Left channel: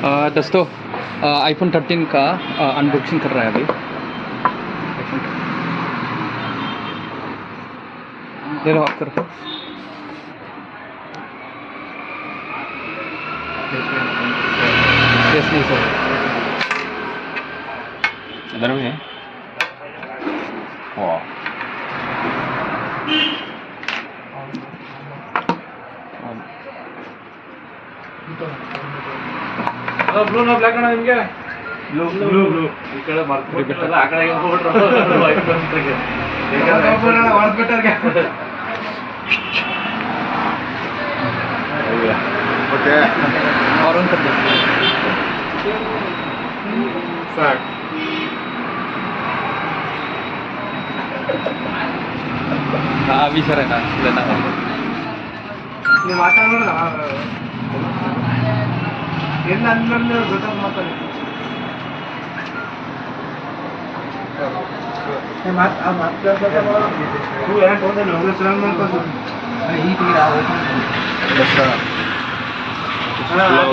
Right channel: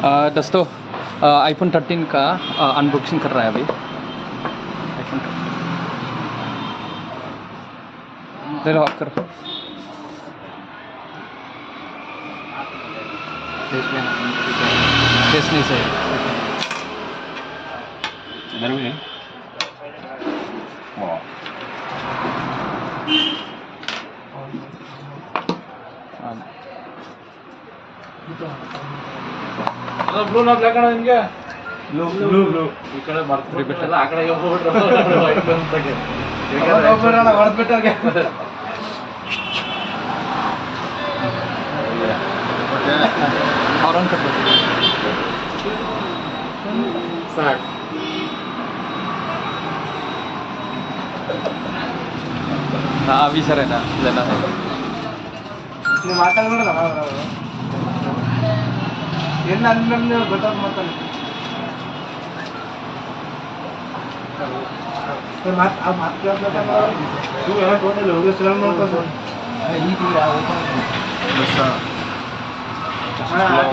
दोस्तों आईफोन 13 का अनबॉक्सिंग कर रहा है अभी। आईफोन दे लो, आप करो। केस नहीं सर, इधर भी है। वाह, ಬ್ಲೂ ನೋ ಬ್ಲಾಕ್ ಅಣ್ಣ ನಿಮಗೆ ಬ್ಲೂ ಬ್ಲೂ ಬ್ಲೂ ಈ ಕಡೆ ಮಾಡ್ತಿರಲ್ಲ ಆ ಕಡೆ ಹೋಗ್ಬಿಟ್ರು ವೈಟ್ ಅಂತಗೆ ಹೋಗ್ಬಿಡೋಣ ಹೊರದ್ಬಿಟ್ಟರ್ಗೆ ओके और ऑन कर दो। ಸಾಕು हाँ अभी सर है ना, लेना है। ನೀವು ಮಾತಾಡ್ಬೇಡ ಏನು ಅಂದ್ರೆ ಗೊತ್ತಾಗ ಮಾತಾಡಿ ಈ ತೀರ बस ಹಾಂ